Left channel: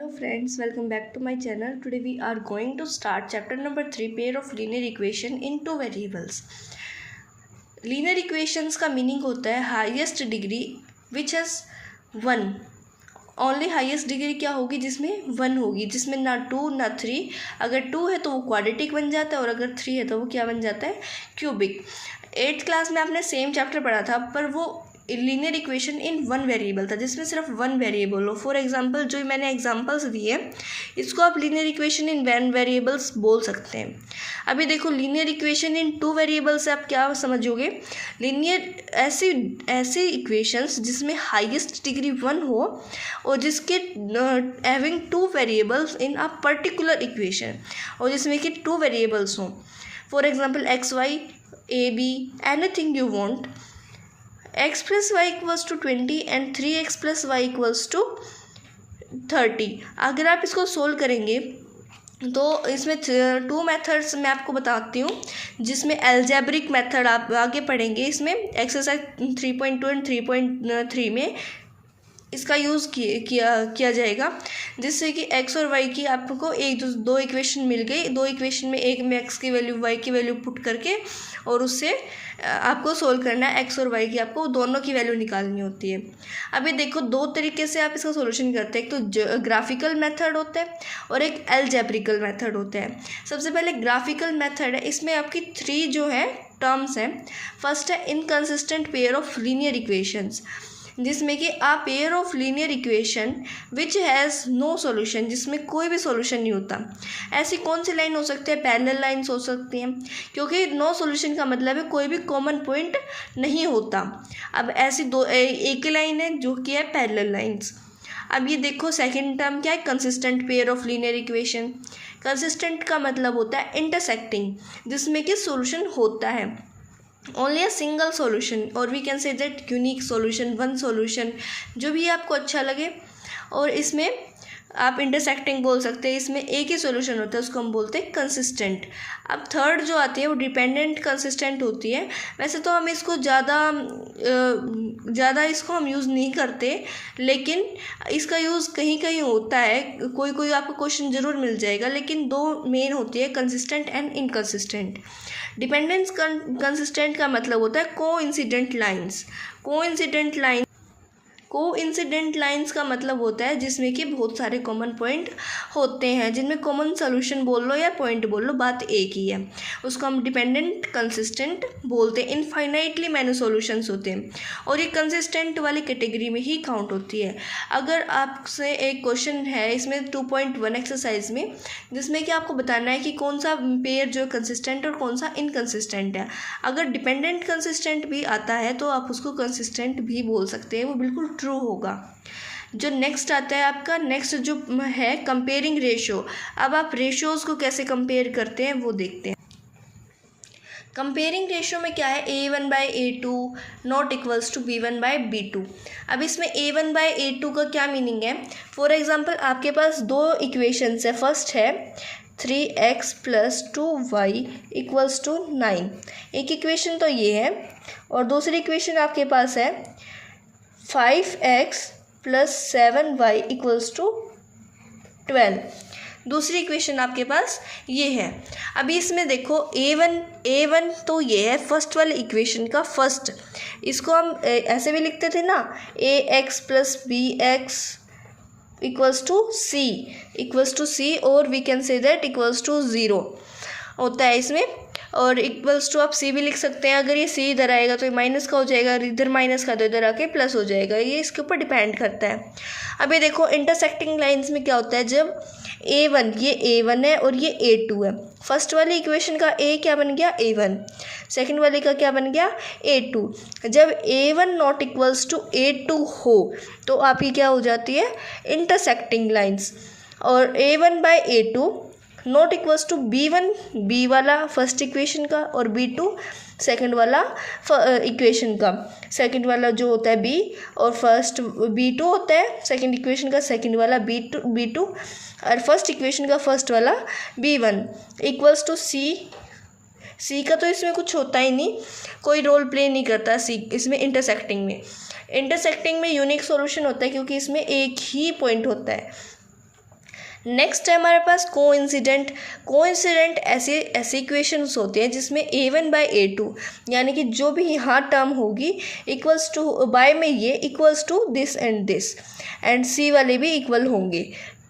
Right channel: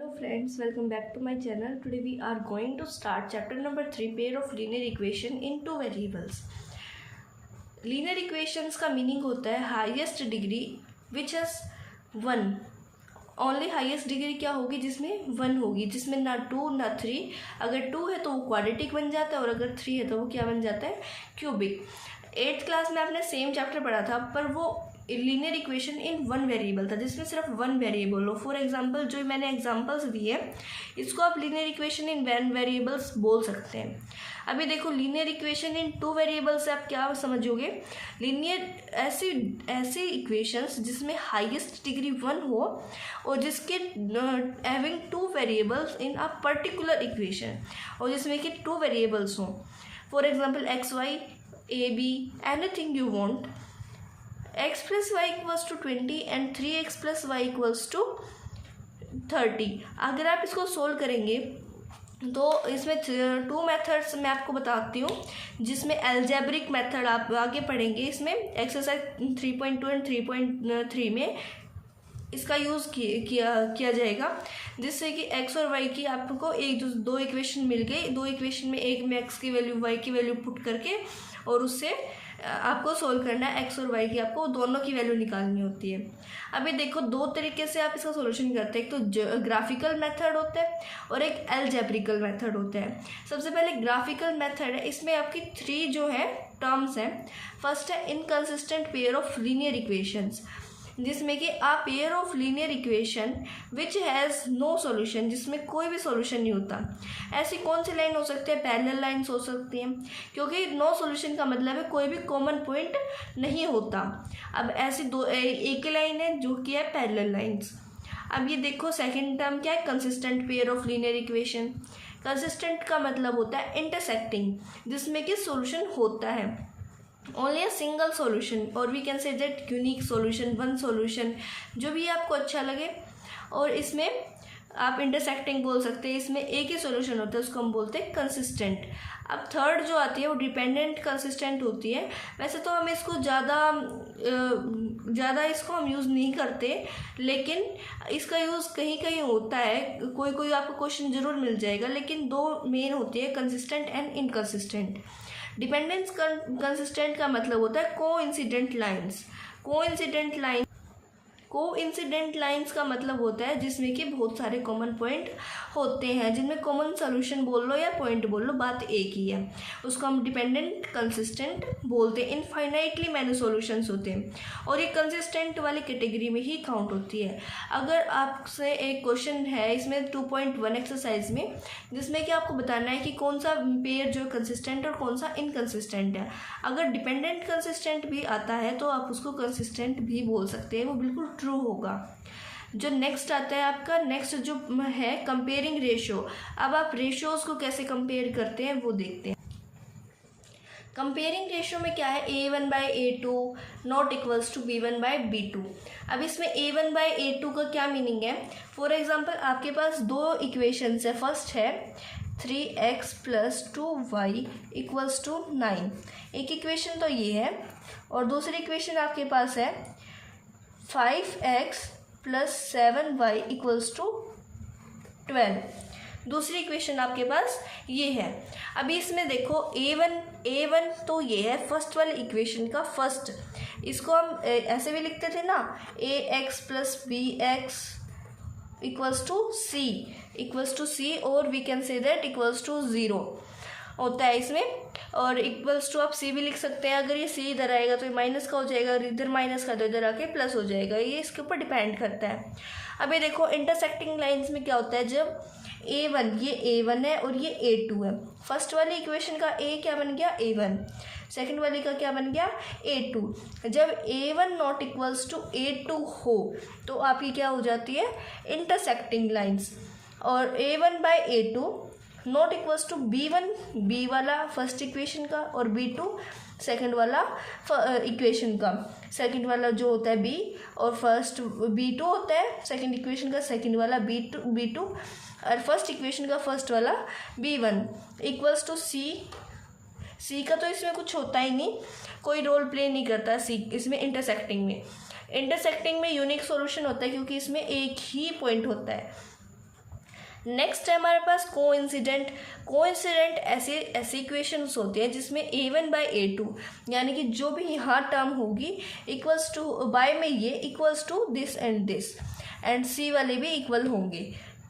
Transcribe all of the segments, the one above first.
Hello friends, welcome back to my channel. Today we are going to start chapter number 3, pair of linear equation in two variables. Linear equations का meaning होता है highest degree which has one. Only highest degree क्या होगी जिसमें one होगी, जिसमें ना to ना थ्री. अगर टू है तो वो क्वाड्रेटिक बन जाता है और अगर थ्री है तो वो क्या बन जाता है, क्यूबिक. 8th क्लास में आपने सेम चैप्टर पढ़ा था, पर वो linear equation in one variable था जिसमें सिर्फ वन वेरिएबल हो. फॉर एग्जांपल जो मैंने एग्जांपल्स दिए इसको आप linear equation in one variables बोल सकते हैं. अभी देखो linear equation in two variables से आप क्या समझोगे. लीनियर ऐसी इक्वेशंस जिसमें हाईएस्ट डिग्री वन हो और जिसके having two variables in a particular equation, और जिसमें कि टू वेरिएबल्स हों. For example x y a b, anything you want. x plus y equals to 20 and 3x plus y equals to 30. अगर आप इसको सोल्व करेंगे तो इसमें टू मेथड्स मैं आपको बताती हूँ, जिसमें एल्जेब्रिक मेथड आप आगे पढ़ेंगे. इसमें एक्सरसाइज 3.2 एंड 3.3 में इसका यूज़ किया जाएगा, जिससे कि x और y की आपको दो इक्वेशन मिल गई. दो इक्वेशन में एक में x की वैल्यू y की वैल्यू पुट करके और उससे आपको सोल्व करना है. x और y की आपको दोनों की वैल्यू निकालनी होती है. अभी देखो दो तरीके से आप इसका सॉल्यूशन करते हैं. एक तो ग्राफिकल मेथड होता है और एक एल्जेब्रिकल मेथड होता है. सबसे पहले ग्राफिकल मेथड है. इसमें आपकी थ्री जो है टर्म्स हैं. फर्स्ट है inconsistent pair of linear equations, जिसमें कि a pair of linear equation which has no solution, जिसमें कोई भी सॉल्यूशन नहीं होता. ऐसी कौन सी लाइन हो सकती है, पैरेलल लाइन्स हो सकती हैं, क्योंकि नो सॉल्यूशन का मतलब है कोई भी कॉमन पॉइंट नहीं होता. अब ऐसी दो एक लाइन है जो कि है पैरेलल लाइन्स. अब ये देखो सेकंड टर्म क्या है, consistent pair of linear equation. Consistent का मतलब होता है इंटरसेक्टिंग, जिसमें कि सॉल्यूशन होता है ओनली अ सिंगल सॉल्यूशन, और we can say that unique solution, one solution, जो भी आपको अच्छा लगे. और इसमें आप इंटरसेक्टिंग बोल सकते हैं. इसमें एक ही सॉल्यूशन होता है, उसको हम बोलते हैं कंसिस्टेंट. अब थर्ड जो आती है वो डिपेंडेंट कंसिस्टेंट होती है. वैसे तो हम इसको ज़्यादा इसको हम यूज़ नहीं करते, लेकिन इसका यूज़ कहीं कहीं होता है. कोई आपको क्वेश्चन ज़रूर मिल जाएगा. लेकिन दो मेन होती है, consistent and inconsistent. Dependence consistent का मतलब होता है कोइंसिडेंट लाइंस. कोइंसिडेंट लाइंस का मतलब होता है जिसमें कि बहुत सारे कॉमन पॉइंट होते हैं, जिनमें कॉमन सॉल्यूशन बोल लो या पॉइंट बोल लो, बात एक ही है. उसको हम डिपेंडेंट कंसिस्टेंट बोलते हैं. इनफाइनाइटली मैनी सॉल्यूशंस होते हैं और ये कंसिस्टेंट वाली कैटेगरी में ही काउंट होती है. अगर आपसे एक क्वेश्चन है इसमें 2.1 एक्सरसाइज में, जिसमें कि आपको बताना है कि कौन सा पेयर जो कंसिस्टेंट और कौन सा इनकंसिस्टेंट है. अगर डिपेंडेंट कंसिस्टेंट भी आता है तो आप उसको कंसिस्टेंट भी बोल सकते हैं, वो बिल्कुल ट्रू होगा. जो नेक्स्ट आता है आपका, नेक्स्ट जो है कंपेयरिंग रेशियो. अब आप रेशियोज़ को कैसे कंपेयर करते हैं वो देखते हैं. कंपेयरिंग रेशियो में क्या है, a1/a2 not equals to b1/b2. अब इसमें a1/a2 का क्या मीनिंग है. फॉर एग्जांपल आपके पास दो इक्वेशंस है. फर्स्ट है 3x + 2y = 9. एक इक्वेशन तो ये है, और दूसरी इक्वेशन आपके पास है 5x + 7y = 12. दूसरी इक्वेशन आपके पास ये है. अभी इसमें देखो a1 तो ये है फर्स्ट वाली इक्वेशन का फर्स्ट. इसको हम ऐसे भी लिखते थे ना, ax + bx = c और वी कैन से दैट =0 होता है इसमें. और इक्वल्स टू आप सी भी लिख सकते हैं. अगर ये सी इधर आएगा तो ये माइनस का हो जाएगा, इधर माइनस का तो इधर आके प्लस हो जाएगा. ये इसके ऊपर डिपेंड करता है. अभी देखो इंटरसेक्टिंग लाइंस में क्या होता है, जब ये a1 है और ये a2 है. फर्स्ट वाली इक्वेशन का a क्या बन गया, a1. सेकंड वाले का क्या बन गया, a2. जब a1 not equals to a2 हो तो आपकी क्या हो जाती है, इंटरसेक्टिंग लाइंस. और a1/a2 not equals to b1, b वाला फर्स्ट इक्वेशन का, और b2 सेकंड वाला इक्वेशन का. सेकंड वाला जो होता है b और फर्स्ट b2 होता है सेकंड इक्वेशन का सेकंड वाला b2 और फर्स्ट इक्वेशन का फर्स्ट वाला b1 इक्वल्स टू c का तो इसमें कुछ होता ही नहीं, कोई रोल प्ले नहीं करता c इसमें. इंटरसेक्टिंग में यूनिक सॉल्यूशन होता है, क्योंकि इसमें एक ही पॉइंट होता है. नेक्स्ट है हमारे पास कोइंसिडेंट। कोइंसिडेंट ऐसे इक्वेशंस होते हैं जिसमें a1/a2 यानी कि जो भी यहाँ टर्म होगी इक्वल्स टू बाय में ये इक्वल्स टू दिस एंड सी वाले भी इक्वल होंगे।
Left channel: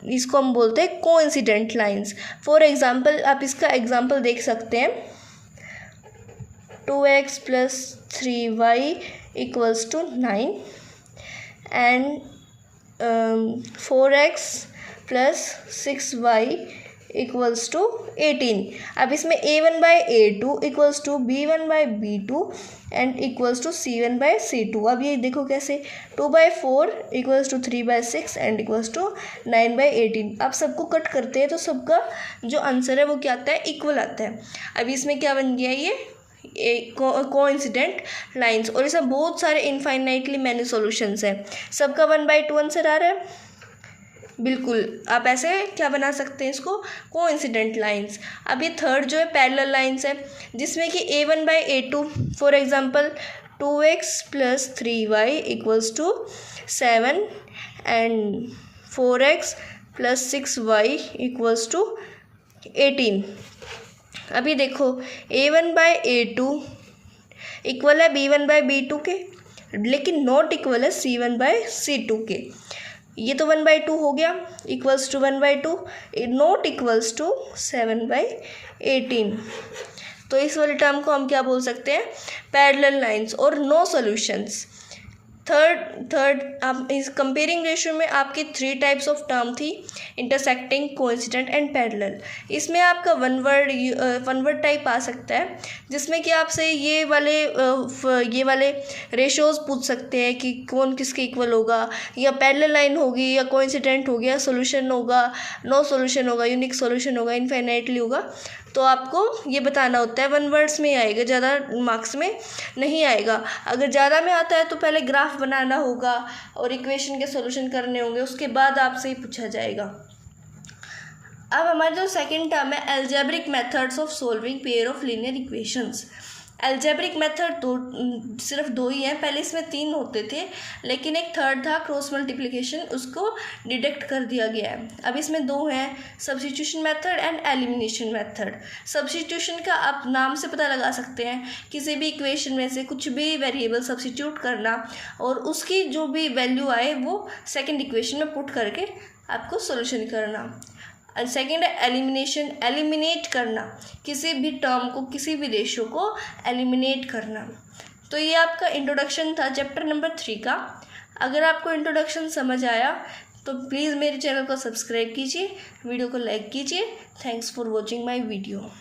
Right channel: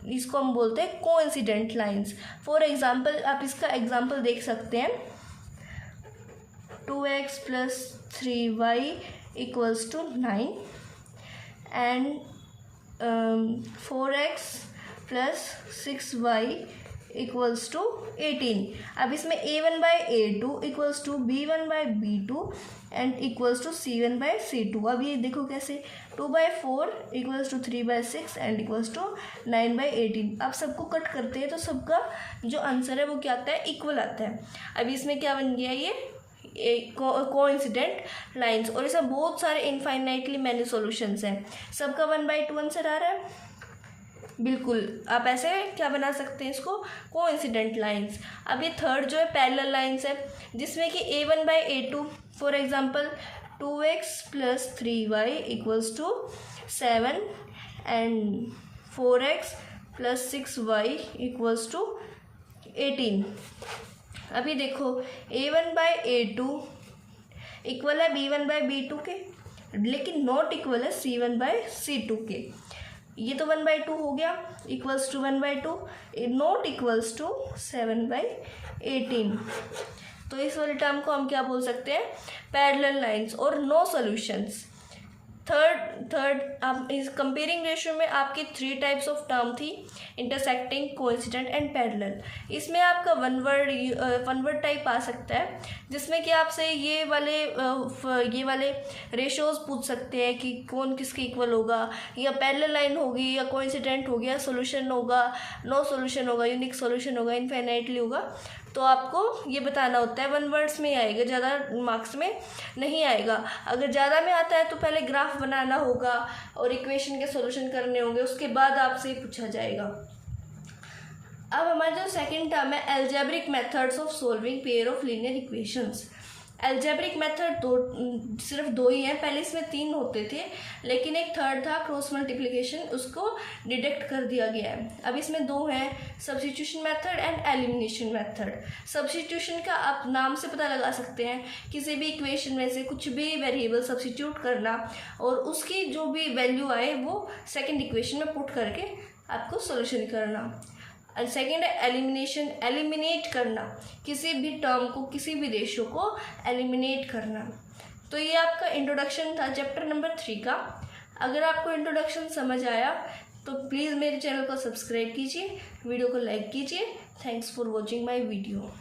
इसको हम बोलते हैं कोइंसिडेंट लाइंस। फॉर एग्जांपल आप इसका एग्जांपल देख सकते हैं 2x + 3y = 9 and 4x + 6y = 18। अब इसमें a1/a2 = b1/b2 एंड = c1/c2। अब ये देखो कैसे 2/4 = 3/6 एंड = 9/18। अब सबको कट करते हैं तो सबका जो आंसर है वो क्या आता है, इक्वल आता है। अब इसमें क्या बन गया, ये कोइंसिडेंट लाइंस। और इसमें बहुत सारे इनफाइनाइटली मैनी सॉल्यूशंस हैं। सबका 1/2 आंसर आ रहा है। बिल्कुल आप ऐसे क्या बना सकते हैं इसको, कोइंसिडेंट लाइंस। अब ये थर्ड जो है पैरेलल लाइंस है जिसमें कि a1/a2 for example 2x + 3y = 7 and 4x + 6y = 18। अभी देखो a1/a2 इक्वल है b1/b2 के, लेकिन नॉट इक्वल है c1/c2 के। ये तो 1/2 हो गया, equals to 1/2, not equals to 7/18। तो इस वाले टर्म को हम क्या बोल सकते हैं, पैरेलल लाइंस और नो सॉल्यूशंस। थर्ड आप इस कंपेयरिंग रेशियो में आपकी 3 टाइप्स ऑफ टर्म थी, इंटरसेक्टिंग, कोइंसिडेंट एंड पैरेलल। इसमें आपका वन वर्ड टाइप आ सकता है जिसमें कि आपसे ये वाले रेशियोज पूछ सकते हैं कि कौन किसके इक्वल होगा, या पैरेलल लाइन होगी, या कोइंसिडेंट हो गया, सोल्यूशन होगा, नो सोल्यूशन होगा, यूनिक सोल्यूशन होगा, इनफाइनाइटली होगा। तो आपको ये बताना होता है, 1 वर्ड्स में आएगा, ज़्यादा मार्क्स में नहीं आएगा। अगर ज़्यादा में आता है तो पहले ग्राफ बनाना होगा और इक्वेशन के सॉल्यूशन करने होंगे, उसके बाद आपसे ही पूछा जाएगा। अब हमारा जो सेकंड टर्म है algebraic methods of solving pair of linear equations. Algebraic method सिर्फ 2 ही हैं, पहले इसमें 3 होते थे, लेकिन एक थर्ड था क्रॉस मल्टीप्लिकेशन, उसको डिडक्ट कर दिया गया है। अब इसमें 2 हैं, substitution method and elimination method. Substitution का आप नाम से पता लगा सकते हैं, किसी भी इक्वेशन में से कुछ भी वेरिएबल सब्स्टिट्यूट करना और उसकी जो भी वैल्यू आए वो सेकेंड इक्वेशन में पुट करके आपको सोल्यूशन करना। सेकेंड है एलिमिनेशन, एलिमिनेट करना, किसी भी टर्म को, किसी भी रेशियो को एलिमिनेट करना। तो ये आपका इंट्रोडक्शन था चैप्टर नंबर 3 का। अगर आपको इंट्रोडक्शन समझ आया तो प्लीज़ मेरे चैनल को सब्सक्राइब कीजिए, वीडियो को लाइक कीजिए। Thanks for watching my video.